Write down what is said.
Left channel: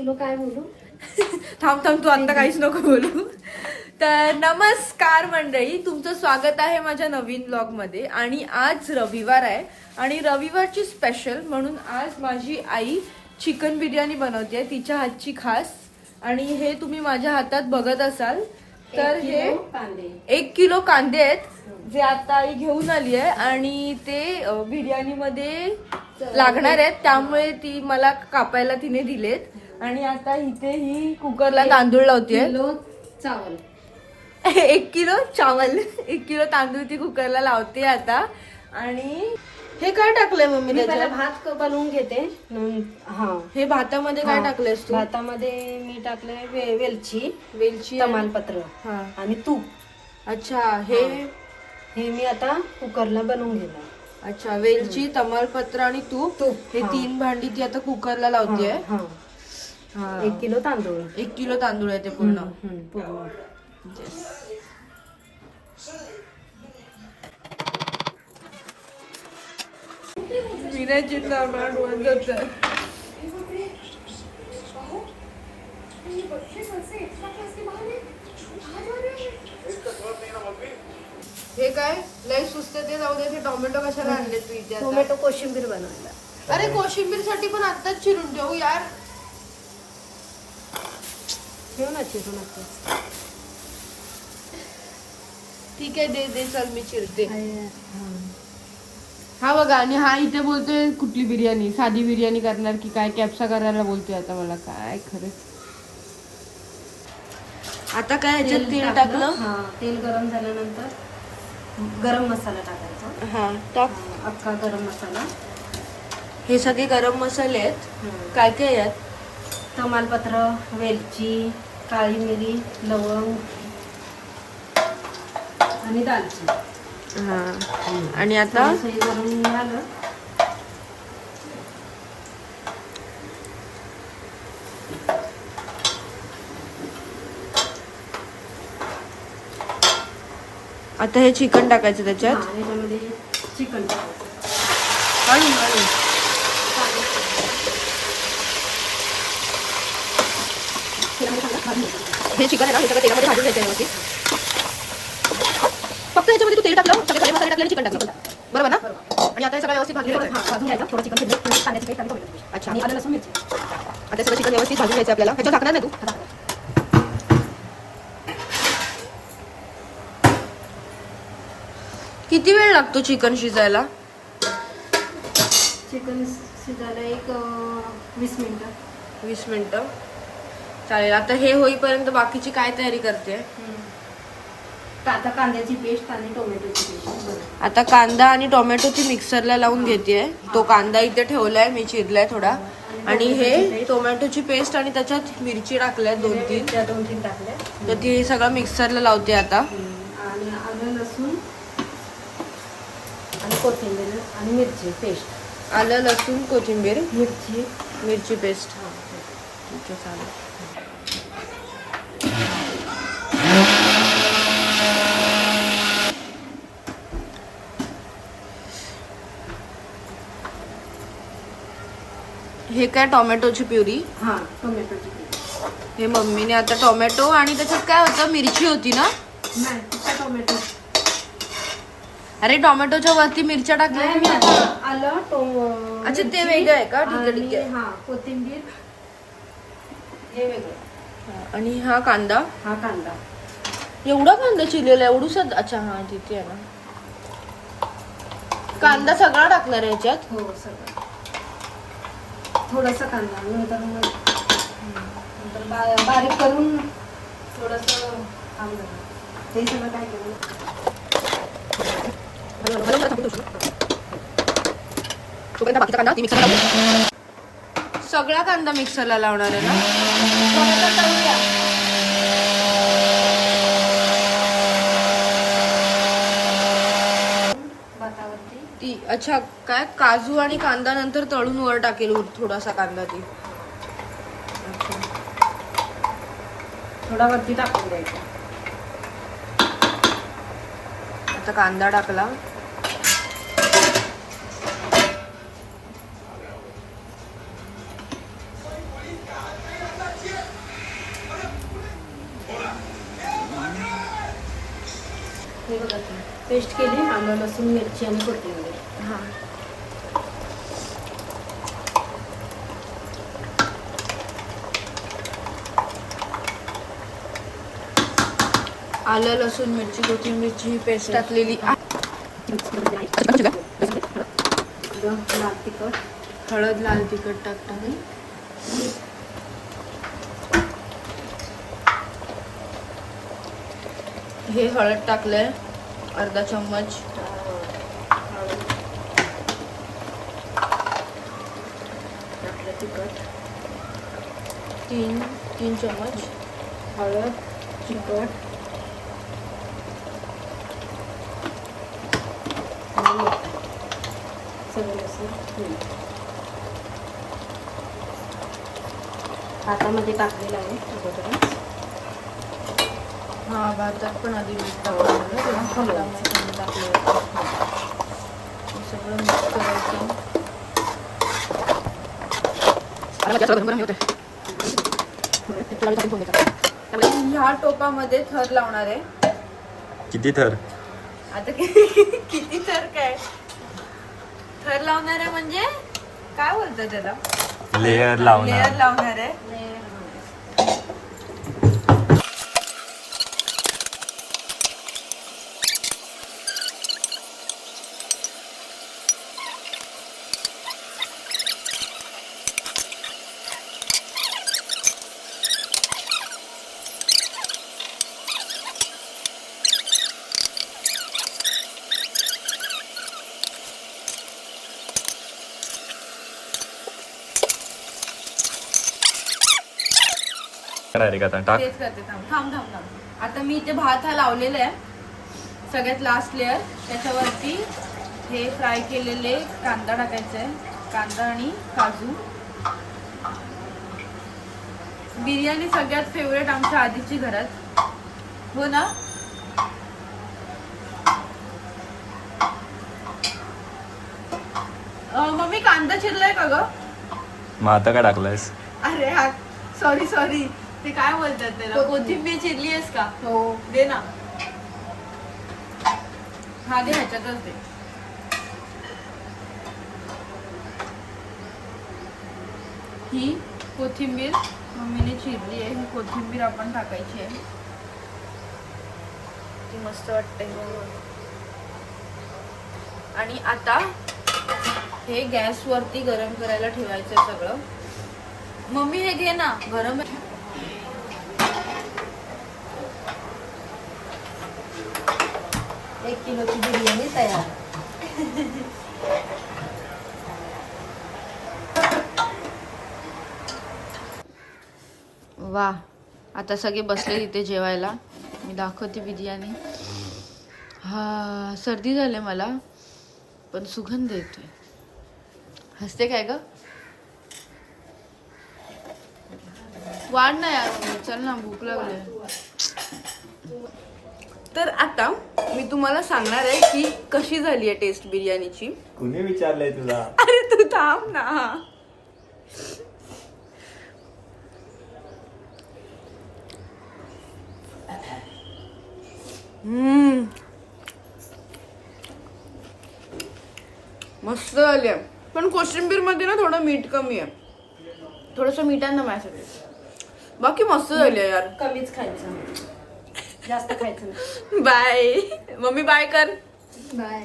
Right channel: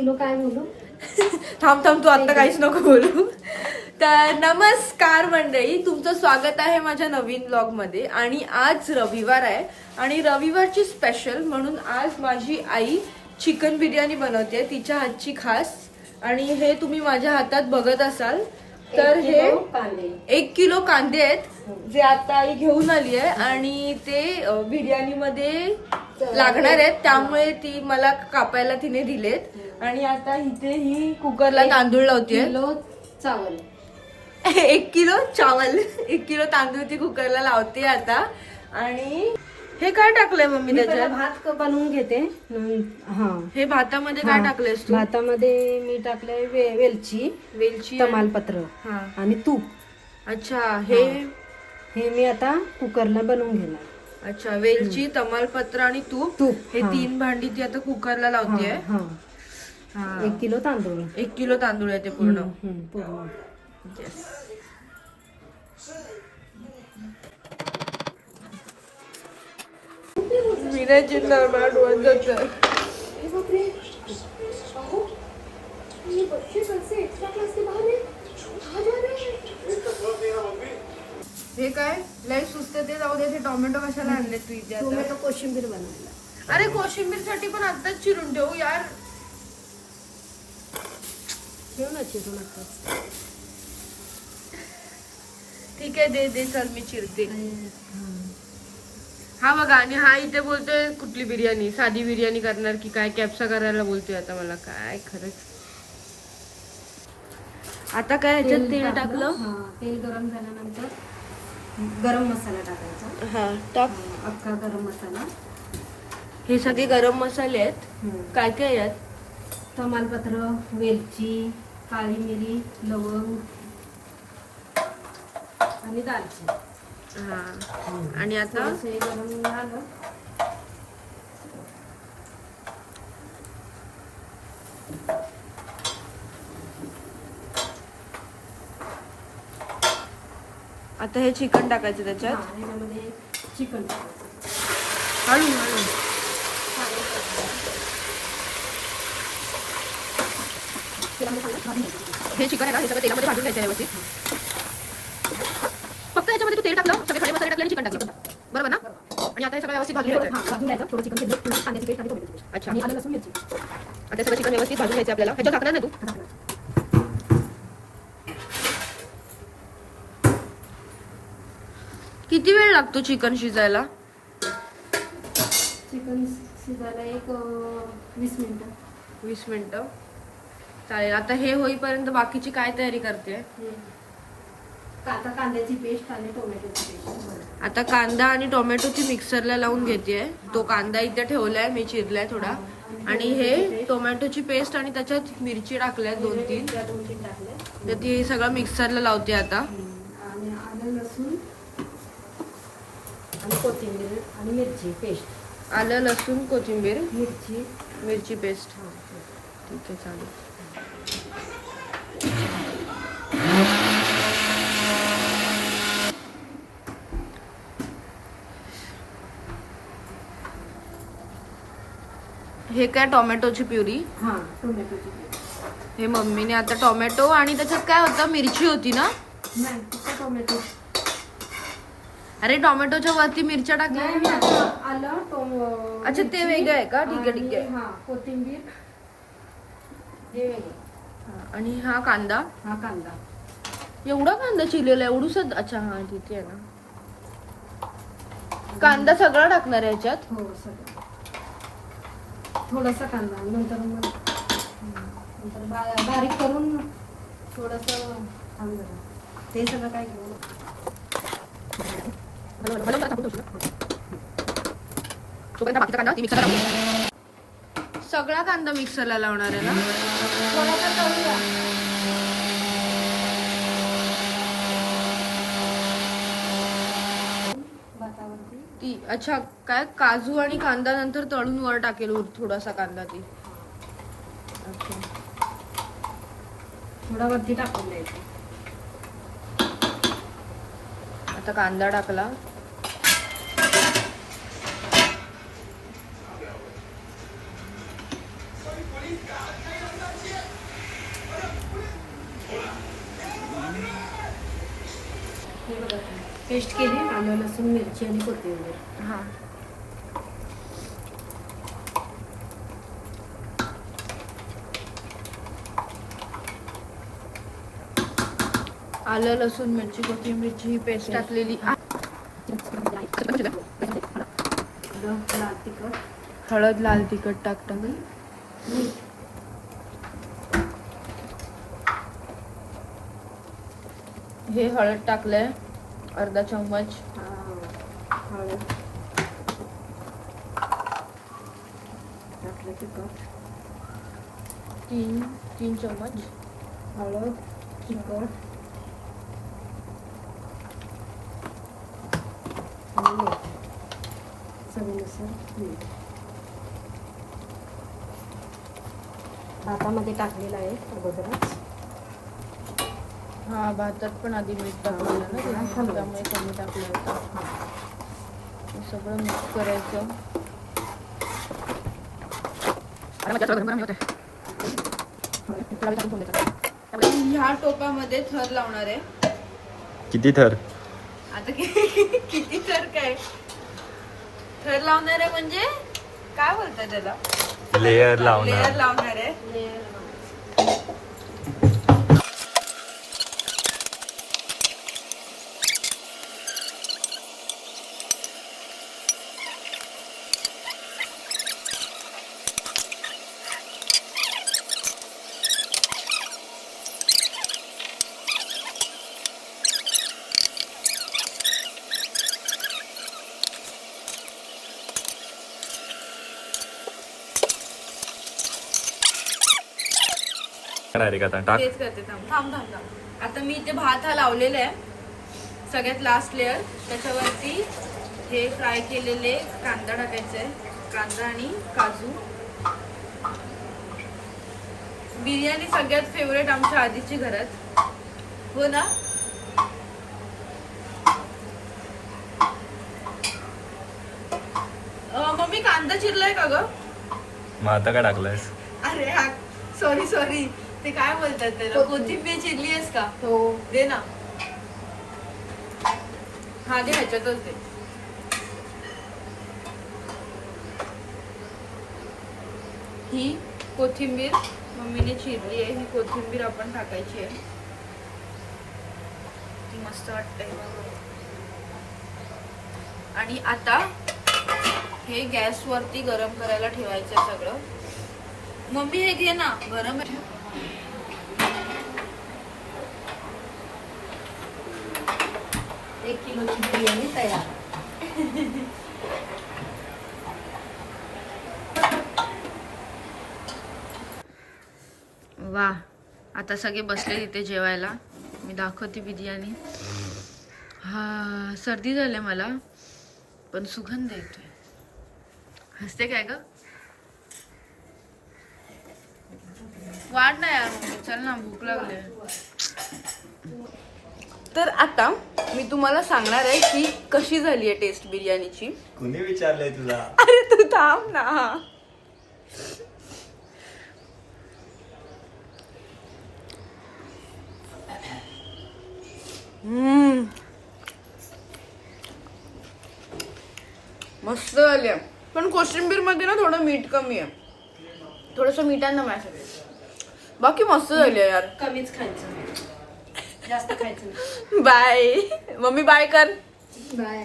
Kilo काय बोलू? थांब तू आता काहीच नको बोलू. तर नमस्कार मंडळी, तुमचं स्वागत आहे माझ्या नवीन व्लॉग मध्ये. आणि आज रविवार आहे आणि रविवारची स्पेशल म्हणून आज माझी आई चिकन बिर्याणी बनवते, तिच्या हातची खास. आणि हे तुम्ही माझ्या हातात बघत असाल तर हे 1 किलो कांदे आहेत जे आता आई घेऊन आली आहे आणि ते बिर्याणी मध्ये लागणार आहेत, त्यामुळे ती मला कापायला तिने दिलेत. आणि आता इथे ही कुकरला तांदूळ लावते. चावल 1 किलो चावल 1 किलो तांदूळ ती कुकरला लावते आता. आणि हे काय टाकलंय मम्मी त्याच्यात? भात बनवून घेते. हा, हे भातामध्ये काय टाकलंयस तू? भातामध्ये मी टाकलंय वेलची तमालपत्र हा आणि तूप. अच्छा, हे मी आता कुकरला बनवून घेणार. अच्छा, वेलची तमालपत्र आणि तूप हे 3 भांडी ती आता कुकरला लावते. 1 किलो तांदूळ 1 किलो तांदूळ आहे ते पूर्ण. पूर्ण. विनायचिंता मला डोळ्यात जातं. हे काय लय सुस्त ते जाऊ दे. ते टोमॅटो कशाला आणले तू इथे आता? टोमॅटो कोशिंबीर बनवायला. अरे कोशिंबीर साठी पण आत्ताच चिरून ठेवू यार. ठेव ना चिरून आता. ठीक आहे, दे चल मी चिरते. हा बघा, आणि हा इथे बोलतोय कुठली बिर्याणी, साधी बिर्याणी करणार की काय, कॅप्सा करायला बोलतोय आता मला. काय खरंच. आता काय ह्याच्यात तेल टाकलं. तेल गरम झाल्यानंतर गरम मसाला टाकायचा. हा टाक. अख्खा गरम मसाला. हे सगळे गरम मसाले आहेत. काय काय यात? तमालपत्र, वेलची, काळी मिरी, लवंग आणि दालचिनी. हा, आणि आता हे गरम झालं. आता हे चिकन टाकायचं त्याच्यात. ह्याच्यामध्ये चिकन टाकायचं. हळू हळू. हे चिकन आहे ना, हे सगळं तेलामध्ये भाजून घ्यायचं व्यवस्थित. फक्त ह्याच्यामध्ये तू तेल टाकलं, सगळे खडे मसाले टाकले आणि चिकन टाकलं, बरोबर ना? आणि आता हे सगळं व्यवस्थित भाजून घ्यायचं. थोडं चिकन कांद्याची पेस्ट आणि टोमॅटो. अच्छा, आणि आलं लसूण मिरची. आता सगळं चिकन व्यवस्थित भाजून घ्यायचं आपल्याला. ह्याच्यावर टाकणार नाही तू? किती वेळ लागतो चिकन शिजायला? चिकन शिजायला एक 20 मिनिटं. 20 मिनिटं चालेल. आता हे होईपर्यंत बाकीची काय तयारी करते? आता कांद्याची पेस्ट आणि टोमॅटोची पेस्ट. आता कांदा आणि टोमॅटोची मिक्सरला लावून घेते. तो कांदा इथे ठेवलाय मी, चिरलाय थोडा. आणि हे टोमॅटोची पेस्ट आणि त्याच्यात मिरची टाकल्या 2-3 टाकल्या. तर ती सगळं मिक्सरला लावते आता. आणि आलं लसूण आणि कोथिंबीर आणि मिरची पेस्ट. आलं लसूण कोथिंबीर मिरची पेस्ट. ठीक आहे, चालेल. हे काय टोमॅटोची प्युरी. टोमॅटोची पेस्ट. हे मम्मीने आता टोमॅटो आणि त्याच्यात काय होतं, मिरची होती ना? नाही, टोमॅटो. अरे टोमॅटोच्या वरती मिरच्या टाकल्या. आलं अच्छा, ते वेगळं आहे का? ठीक आहे. कोथिंबीर हे वेगळं. आणि हा कांदा. कांदा. एवढा कांदा चिरलेला एवढूस? अच्छा, हा तिथे आहे ना. कांदा सगळा टाकणार आहे ह्याच्यात? हो, सगळं. थोडासा कांदा नंतर बारीक करून थोडस ते सगळं काय करू. सगळा कांदा मिक्सरला लावणार आहे ना? ती अच्छा, काय काजू आणि कांदा नंतर तळून वर टाकेल थोडासा कांदा ती. अच्छा, थोडा वरती टाकून द्यायचा. आता कांदा टाकला. हे बघा पेस्ट केली, आलं लसूण मिरची आणि कोथिंबीर. हा आलं लसूण मिरची कोथिंबीरची पेस्ट टाकलेली. लाल तिखट, हळद लाल तिखट टाकतात. हे हळद टाकलंय अर्धा चम्मच. हळद, टाकलं तिखट, 3 चम्मच. हळद, तिखट आणि मीठ. सगळं लसूण हातामध्ये टाकलेलं आहे अगोदरच. हा भातात पण आधी मीठ टाकलेलं ना, त्यामुळे कमी टाकलं होतं. हे सगळं मिक्स करायचं. ह्या टोपामध्ये थर लावणार आहे. किती थर? आता किती थर काय थर लावणार आहे म्हणजे काय बोलतात त्याला? लेयर लावणार. लेयर लावणार आहे. डायरेक्ट आता टाक. तेच करते. थांब. आता मी इथे भात हा लावलेला आहे. सगळ्यात लास्ट लेअर. त्याच्यावरती हे फ्राय केलेले कांदा टाकायचे. कांदा आणि काजू. बिर्याणी सगळ्यात फेवरेट आमच्या आधीची घरात, हो ना? मम्मी कांदा चिरलाय का ग? मग आता काय टाकलंयस? अरे हा सॉरी ते काय बोलतात त्याला? कोथिंबीर चिरली आहेस का? हो. दे ना. हा दे, ह्याच्यातच दे. ही कोथिंबीर मम्मीने चिरली आहे. ही कोथिंबीर आपण टाकायची आहे. ती मस्त वाटते. आणि आता हे गॅस वरती गरम करायला ठेवायचं सगळं. मम्मी हे घे ना, गरम आहे. 1 किलोची बिर्याणी तयार. वा, आता सगळे बसले इथे जेवायला. मी दाखवते बिर्याणी. हा, सर्दी झाली मला पण सुगंध येतोय. हसते काय ग? वाढ ना यार, चल ना, भूक लागली. तर आता मी तुम्हाला सांगणार आहे की कशी झाली आहे टेस्ट बिर्याणीची. कुणी विचारलंय तुला? अरे तू थांब ना. मस्त झाली. पण कोशिंबीर मध्ये ना थोडं मीठ कमी आहे. थोडस मिठांना माझ्यासाठी. बाकी मस्त झाली यार. कमीच खायचं, जास्त खायचं. बाय मम्मी, बाय कर. बाय.